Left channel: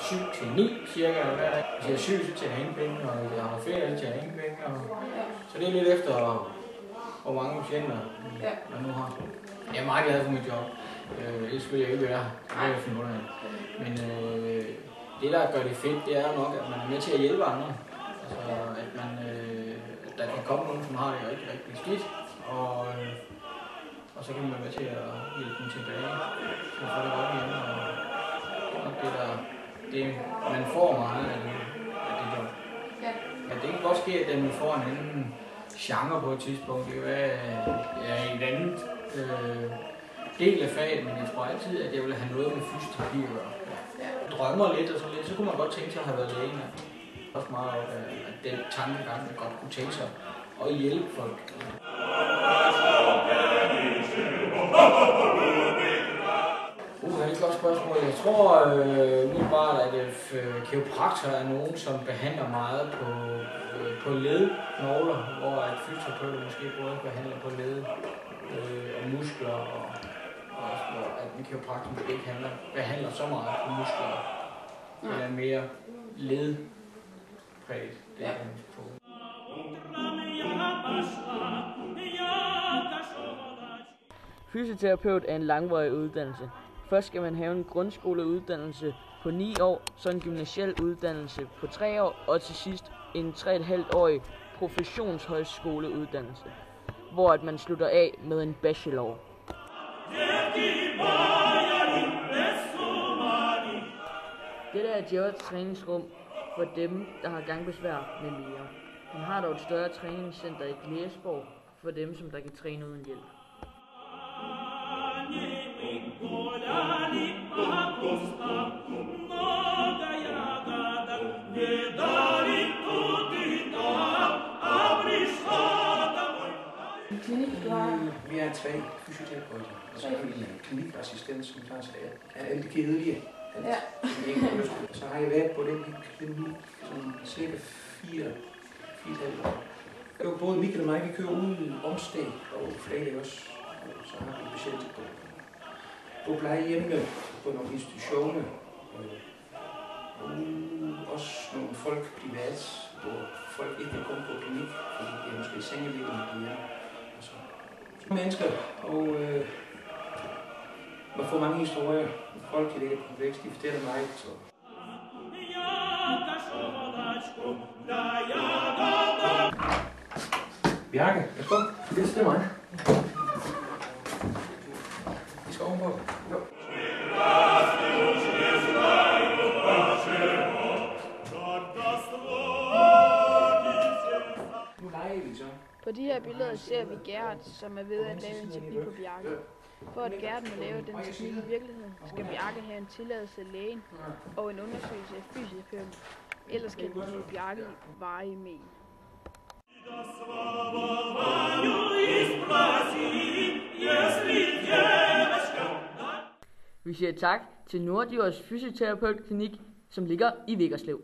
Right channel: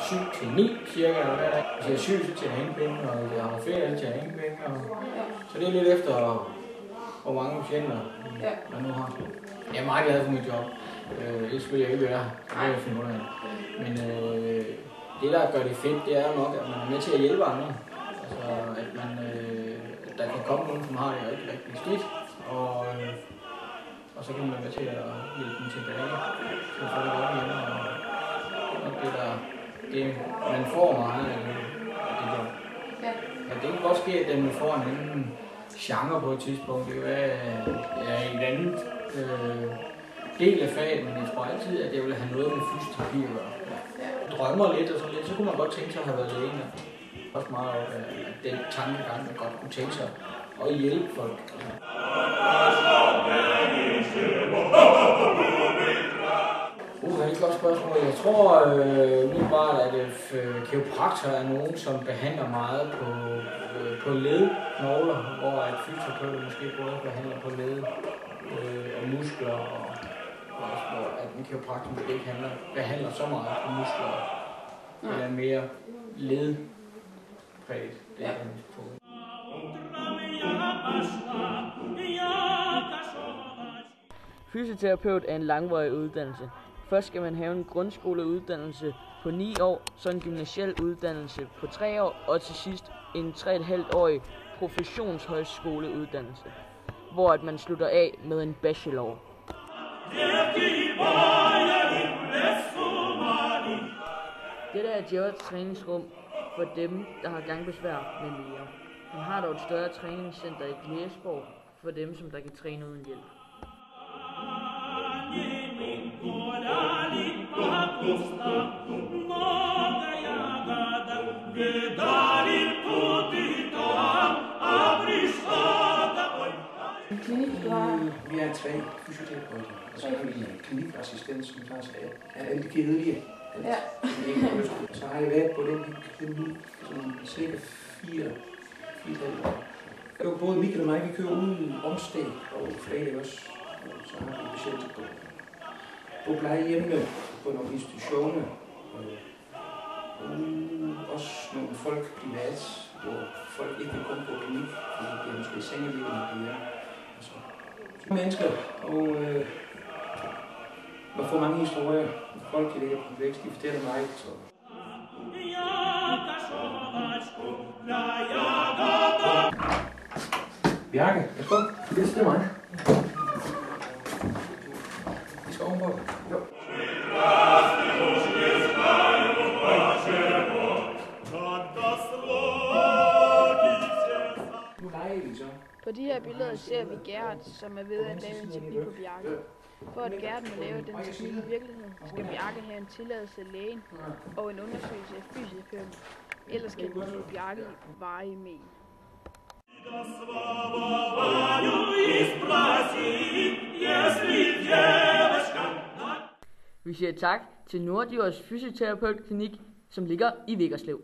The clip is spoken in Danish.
7 til 9 cirka hver dag. Hvis jeg er syg, så tjener jeg ingen penge, og hvis jeg har ferie, så tjener jeg ingen penge. Så det er lidt efter, hvor mange patienter man nu har. Jeg er meget glad for mit job. Ellers vil jeg ikke være her. Det vil jeg finde ud af. Men det, der gør det fedt, det er nok, at man er med til at hjælpe andre. Altså, at der kan komme nogen, som har det rigtig, rigtig skidt. Og så kan man være med til at hjælpe dem tilbage. Så får det godt igen. Og det man får meget af det job. Ja, det kan godt ske, at den får en anden genre på et tidspunkt. Det kan være i et andet del af faget, men jeg tror altid, at jeg vil have noget med fysioterapi at gøre. Jeg drømmer lidt og sådan lidt, så kunne man godt tænke sig at have været læge. Også meget op af den tankegang, man godt kunne tænke sig at hjælpe folk. Det er et godt spørgsmål. Jeg tror umiddelbart, at kiropraktor er nogen, som behandler meget på ledknogler, hvor at fysioterapeuter måske både behandler på led og muskler, og også hvor at en kiropraktor måske ikke behandler så meget på muskler, eller mere ledpræget. Det er på. Fysioterapeut er en langvarig uddannelse. Først skal man have en grundskoleuddannelse på 9 år, så en gymnasial uddannelse på 3 år, og til sidst en 3,5-årig professionshøjskoleuddannelse, hvor at man slutter af med en bachelor. Dette er Djævers træningsrum for dem, der har gangbesvær med mere. Han har dog et større træningscenter i Glæsborg for dem, som der kan træne uden hjælp. Klinik, du har? Vi er 3 fysioterapeuter, og så har vi en klinikassistent, som tager sig af alt det kedelige. Ja. Og så har jeg været på den klinik som cirka 4,5 år. Det var både Michael og mig, vi kører ud omsteg og fredag også. Og så har vi patienter på plejehjemme, på nogle institutioner. Og også nogle folk privat, hvor folk ikke kan komme på klinik, fordi de er måske sengeliggende derhjemme. Så mennesker, og man får mange historier. Folk, der ligger komplekst, de fortæller mig. Så. Bjarke, værsgo. Det er mig. Vi skal ovenpå. Jo. Nu leger vi så. På de her billeder ser vi Gert, som er ved at lave en teknik på Bjarke. For at Gert må lave den teknik i virkeligheden, skal Bjarke have en tilladelse af lægen og en undersøgelse af fysioterapeuten. Ellers kan de give Bjarke varige men. Vi siger tak til Norddjurs Fysioterapeutklinik, som ligger i Vikerslev.